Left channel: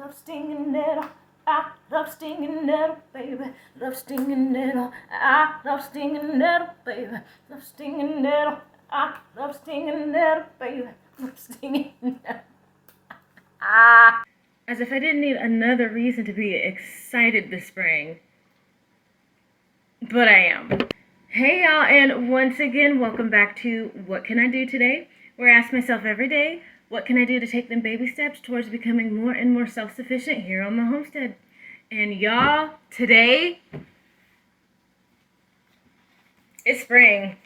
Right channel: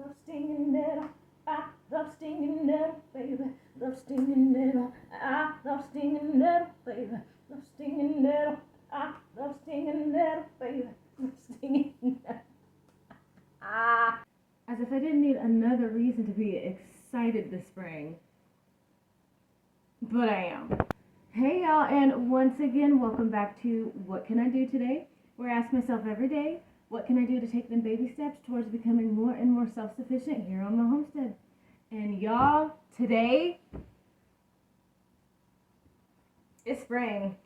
love stinging nettle. I love stinging nettle, baby. Love stinging nettle. I love stinging nettle, baby. Love stinging nettle. I love stinging nettle, baby. Love stinging nettle. As if I didn't need another reason to be excited this spring. But I am. Hey y'all, and once again, welcome back to What Can I Do Today? Where I ask myself every day, what can I do to take them baby steps towards becoming more and more self-sufficient here on my homestead? And y'all, today, it's spring.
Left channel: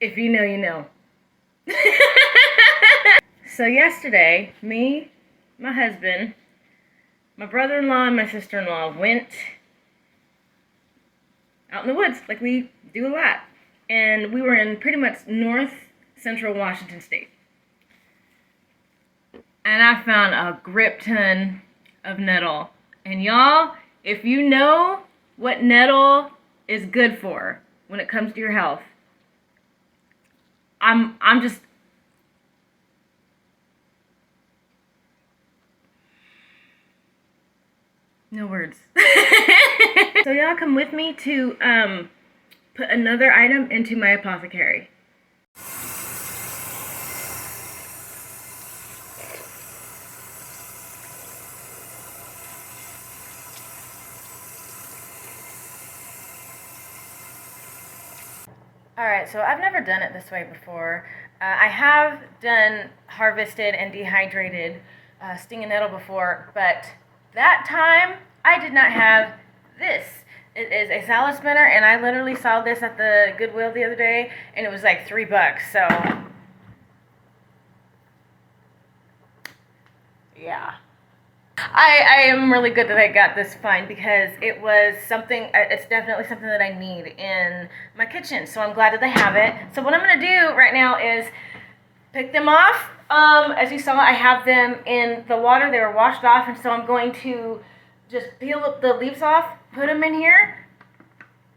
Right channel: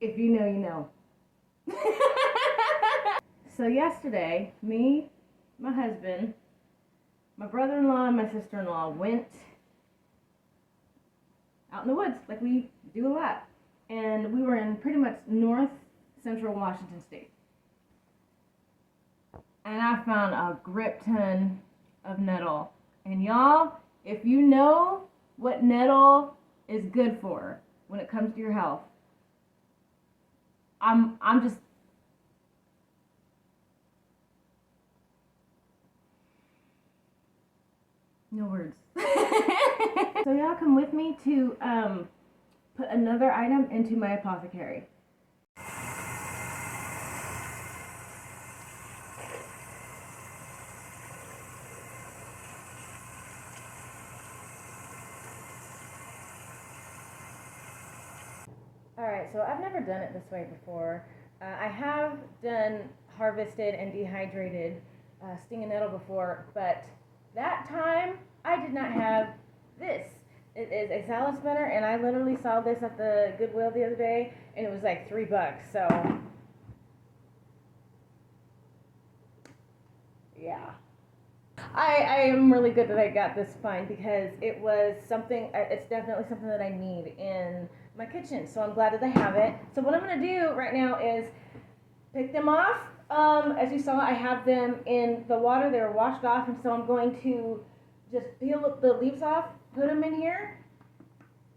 If you know, you know. So yesterday, me, my husband, my brother-in-law, and my sister-in-law went out in the woods, like we do a lot. And we were in pretty much north central Washington state. And I found a grip ton of nettle. And y'all, if you know what nettle is good for when it comes to your health, I'm just... no words. So y'all come with me to put another item into my apothecary. Alright, so I've never done it this way before. I have done harvested and dehydrated stinging nettle before, but that time I did not have this. It is a salad spinner, and I literally saw this at the Goodwill the other day, and it was like $3, so yeah. I am really good that I got this find because it was something, it's definitely something that I need in my kitchen, so I'm glad that they have it. So what I'm going to do right now is pick them off. As you saw, I have them in the water. They were washed off, and so I'm going to just peel the leaves off, put them in here,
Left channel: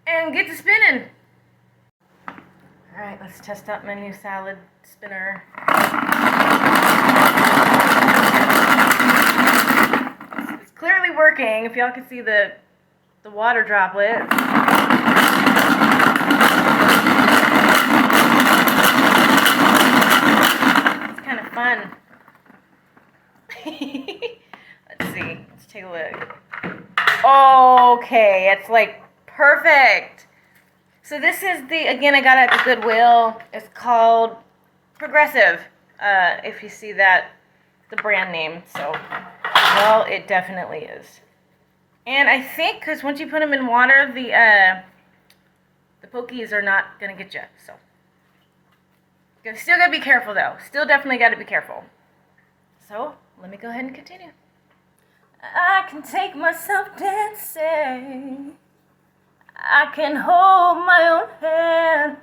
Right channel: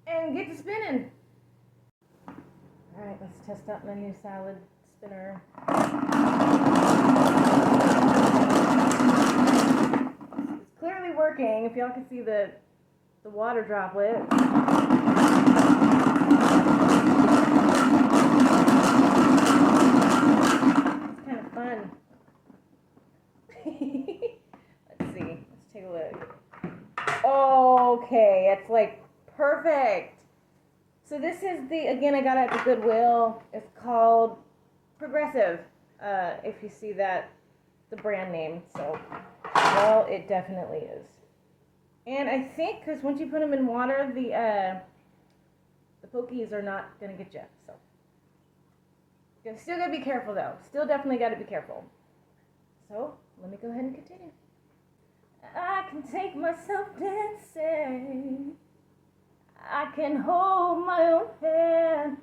and get to spinning. Alright, let's test out my new salad spinner. It's clearly working, if y'all can see the water droplet. It's kind of fun. Let's see, let's take a look. Okay, it's like perfect. So this is again, I got it at the Goodwill. It's called Progressive, if you see that, the brand name. So, well, it definitely is. And I think, because once you put them in water, the pokies are not going to get you. So, you still got to be careful, though. Still definitely got to be careful. So, let me go ahead and continue. I can take myself dancing. I can hold my own hand.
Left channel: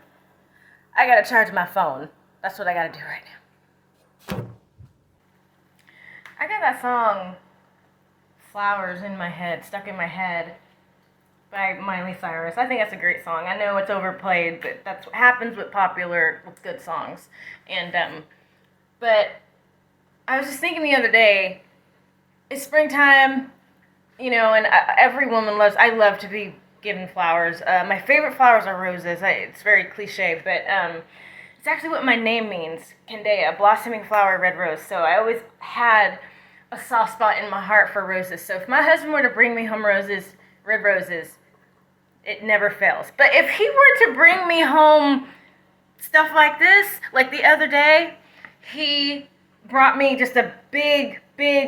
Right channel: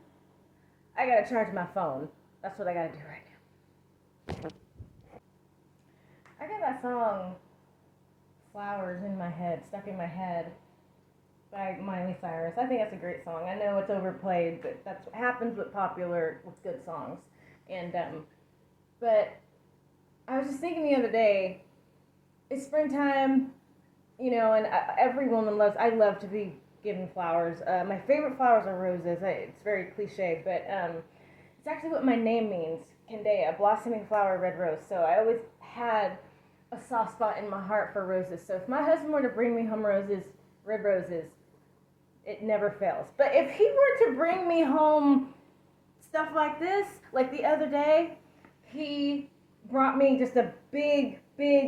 I gotta charge my phone. That's what I gotta do right now. I got that song, Flowers, in my head, stuck in my head, by Miley Cyrus. I think that's a great song. I know it's overplayed, but that's what happens with good songs. And, but I was just thinking the other day, it's springtime, you know, and every woman I love to be given flowers. My favorite flowers are roses. It's very cliche, but it's actually what my name means, Candea, blossoming flower, red rose. So I always had a soft spot in my heart for roses. So if my husband were to bring me home roses, red roses, it never fails. But if he were to bring me home stuff like this, like the other day, he brought me just a big,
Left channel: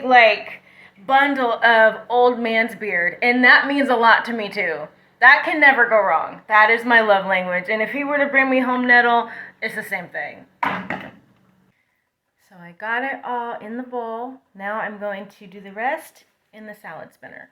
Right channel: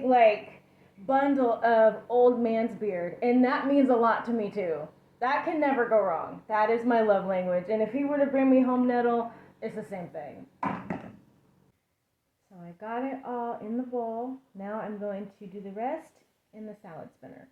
like, bundle of old man's beard, and that means a lot to me too. That can never go wrong. That is my love language. And if he were to bring me home nettle, it's the same thing. So I got it all in the bowl. Now I'm going to do the rest in the salad spinner.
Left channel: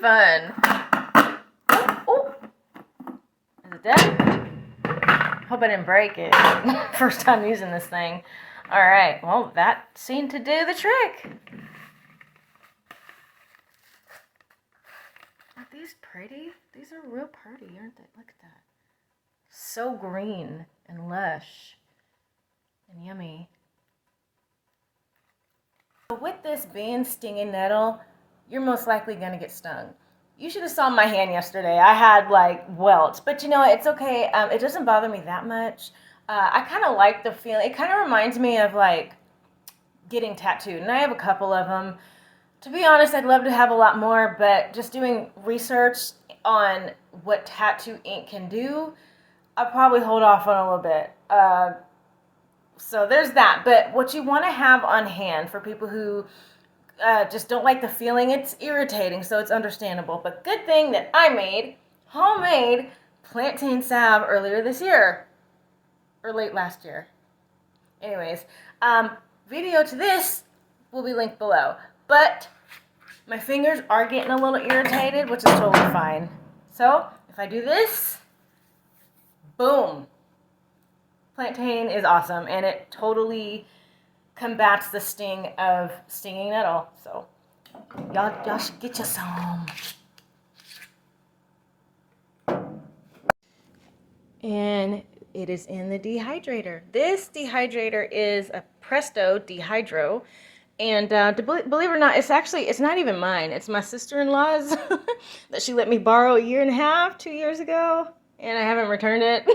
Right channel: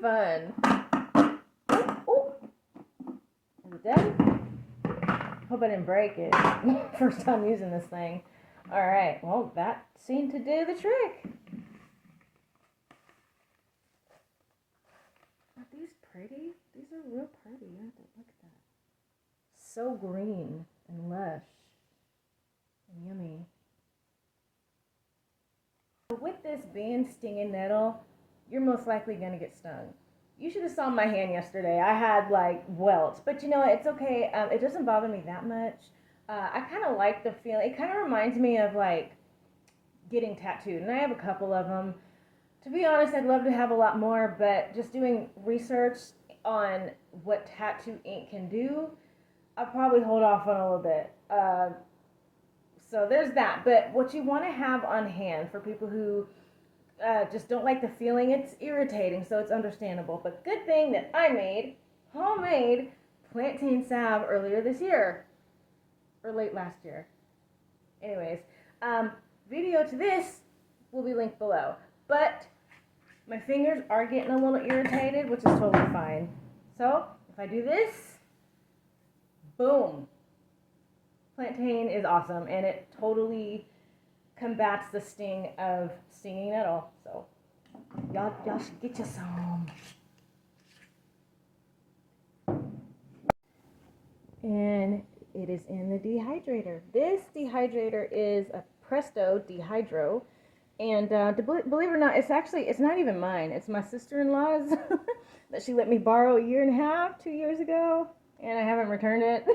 Fun. Oh. Is it done? Hope I didn't break it. First time using this thing. All right, well, that seemed to do the trick. Aren't these pretty? These are real pretty, aren't they? Look at that. So green and lush and yummy. So with this being stinging nettle, you're most likely going to get stung. You should have saw my hand yesterday. I had like welts, but you know, it's okay. It doesn't bother me that much. I kind of like the feeling. It kind of reminds me of like getting tattooed, and I have a couple of them. To be honest, I'd love to have a lot more, but just doing research on what tattoo ink can do, I'll probably hold off on a little bit. So there's that. But what you want to have on hand for people who just don't like the feeling, it's irritating, so it's understandable. But good thing that I made homemade plantain salve earlier this year. Or late last year. Anyways, video to this will be linked below. But my fingers are getting a little irritated, which is totally fine. So if I do this, boom. Plantain is awesome, and it totally combats the sting of stinging nettle. So y'all should get you some. And it is in the dehydrator. This dehydrator is a Presto Dehydro. And believe it or not, it's not even mine. It's my sister-in-law's that she let me borrow a year and a half, 2 years ago. And I haven't returned it.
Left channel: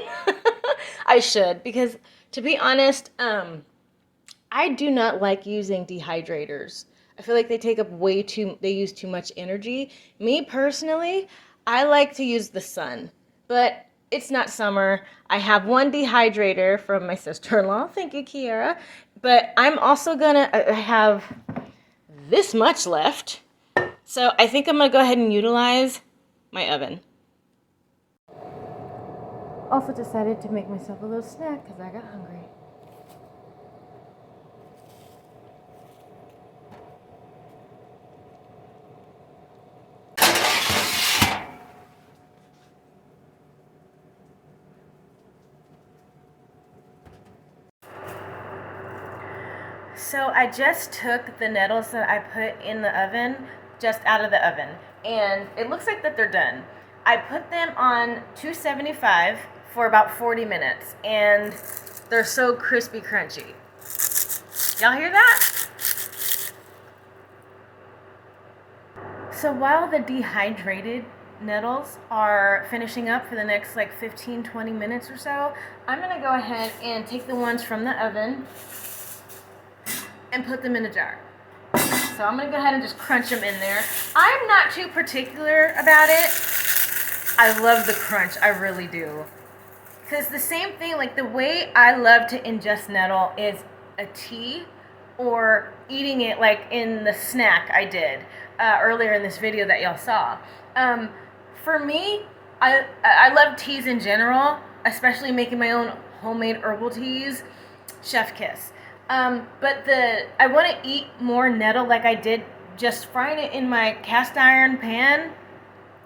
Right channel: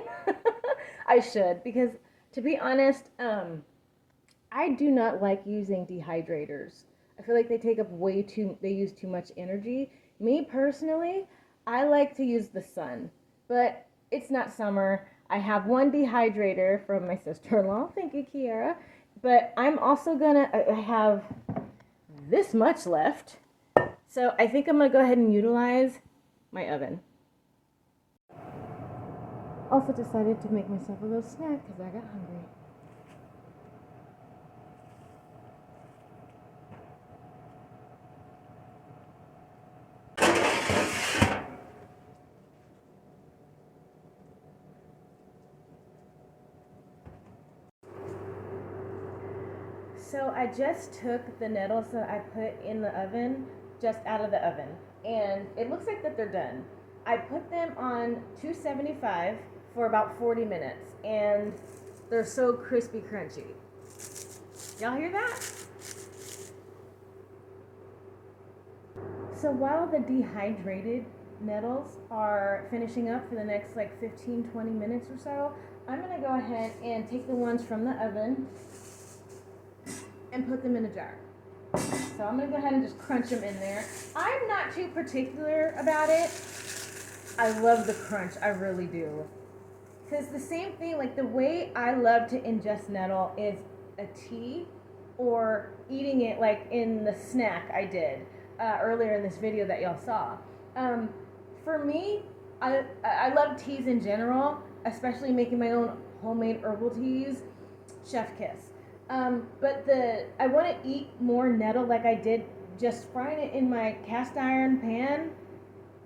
I should, because to be honest, I do not like using dehydrators. I feel like they use too much energy. Me personally, I like to use the sun, but it's not summer. I have one dehydrator from my sister-in-law. Thank you, Kiara. But I'm also gonna have this much left. So I think I'm gonna go ahead and utilize my oven. Also decided to make myself a little snack because I got hungry. So I just took the nettles that I put in the oven just out of the oven, and it looks like that they're done. I put them on 275 for about 40 minutes, and they're so crispy crunchy. Y'all hear that? So while the dehydrated nettles are finishing up for the next like 15-20 minutes or so, I'm gonna go ahead and take the ones from the oven and put them in a jar. So I'm gonna go ahead and just crunch them in there. I'm not too particular about it. I love the crunch, I really do. Because the same thing, like the way I love to ingest nettle is a tea or eating it like in the snack I did earlier in this video that y'all saw. For me, I love teas in general, especially making my own homemade herbal teas. Chef kiss. But I want to eat more nettle like I did just frying it in my cast iron pan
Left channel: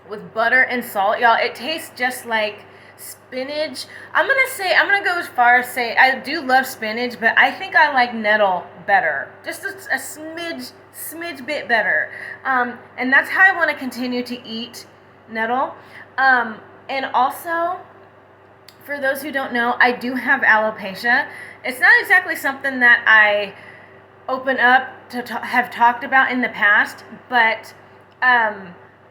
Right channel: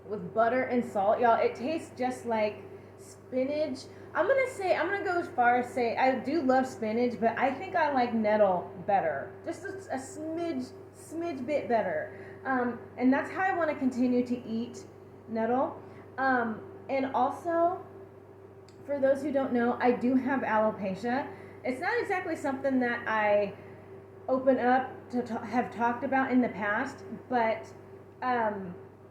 with butter and salt. Y'all, it tastes just like spinach. I'm gonna go as far as say I do love spinach, but I think I like nettle better. Just a smidge bit better. And that's how I want to continue to eat nettle. And also, for those who don't know, I do have alopecia. It's not exactly something that I open up to have talked about in the past, but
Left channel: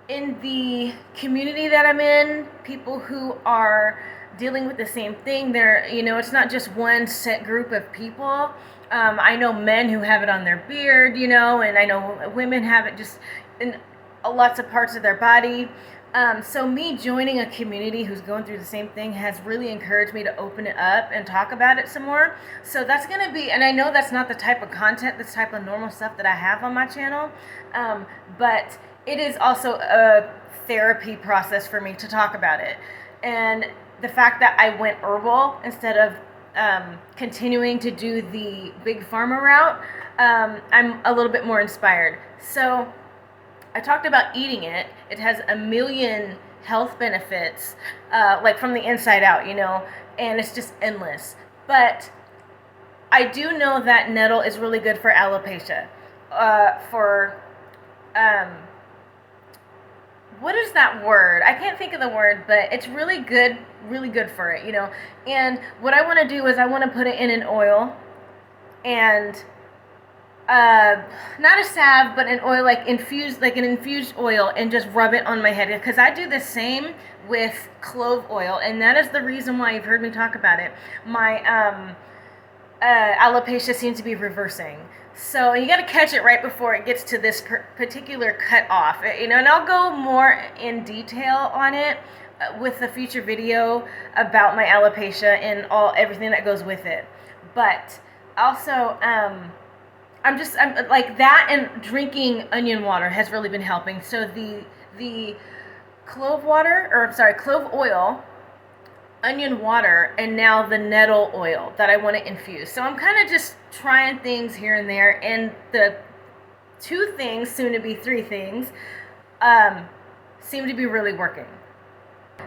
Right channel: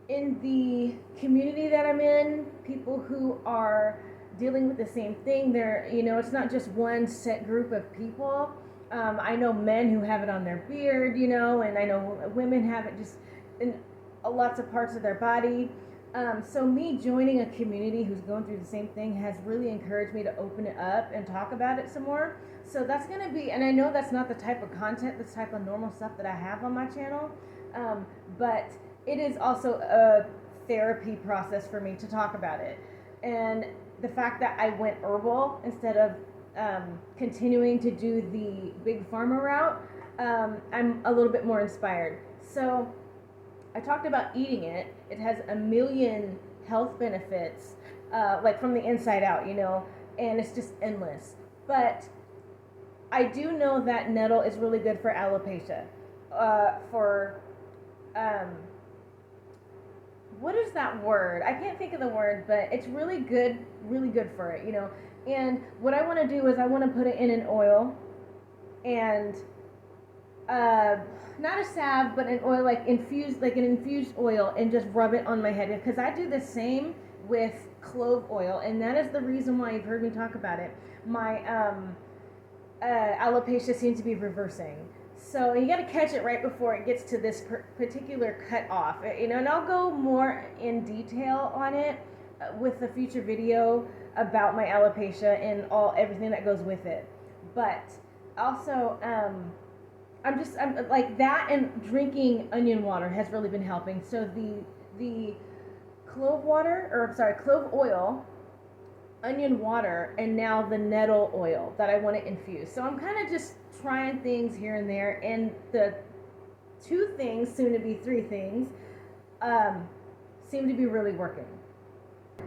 in the community that I'm in, people who are dealing with the same thing, it's not just one set group of people. I know men who have it on their beard, and I know women have it just in lots of parts of their body. So me joining a community who's going through the same thing has really encouraged me to open it up and talk about it some more. So that's going to be, and I know that's not the type of content, this type of normal stuff that I have on my channel, but it is also a therapy process for me to talk about it. And the fact that I went herbal instead of continuing to do the big pharma route, I'm a little bit more inspired. So I talked about eating it. It has a million health benefits, like from the inside out, and it's just endless. But I do know that nettle is really good for alopecia. What is that word? I can't think of the word, but it's really good for it, you know. And what I want to do is I want to put it in an oil, and not a salve, but an oil, like an infused oil, and just rub it on my head, because I do the same with clove oil, and that is the reason why you've heard me talk about it. My alopecia seems to be reversing. So you got to catch it right before it gets to this particular cut off, you know. And I'll go more in detail on it with a future video about my alopecia and everything that goes with it. But also, I'm like that, and drinking onion water has really been helping. So the clove oil, onion water, and now the nettle oil that I want to infuse. So I'm kind of just trying things here and there, and the 2 things, soon to be 3 things, seem to be really working.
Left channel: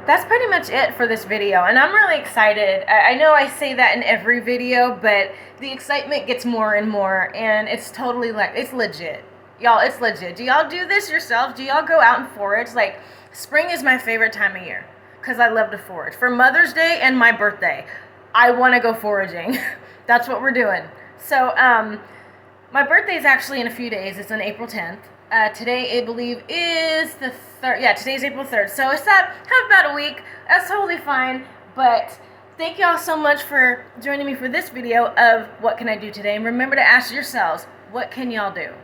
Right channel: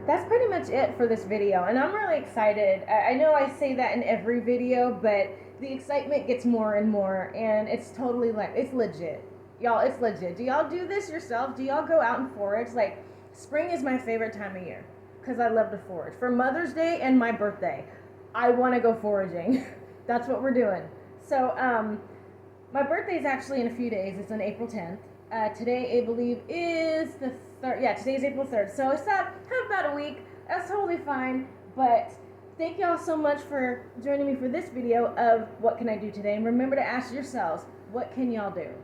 That's pretty much it for this video, and I'm really excited. I know I say that in every video, but the excitement gets more and more, and it's totally it's legit. Y'all, it's legit. Do y'all do this yourself? Do y'all go out and forage? Like, spring is my favorite time of year, because I love to forage. For Mother's Day and my birthday, I want to go foraging. That's what we're doing. So, my birthday is actually in a few days. It's on April 10th. Today, I believe, is the 3rd. Yeah, today's April 3rd. So it's have about a week. That's totally fine. But thank y'all so much for joining me for this video of what can I do today. And remember to ask yourselves, what can y'all do?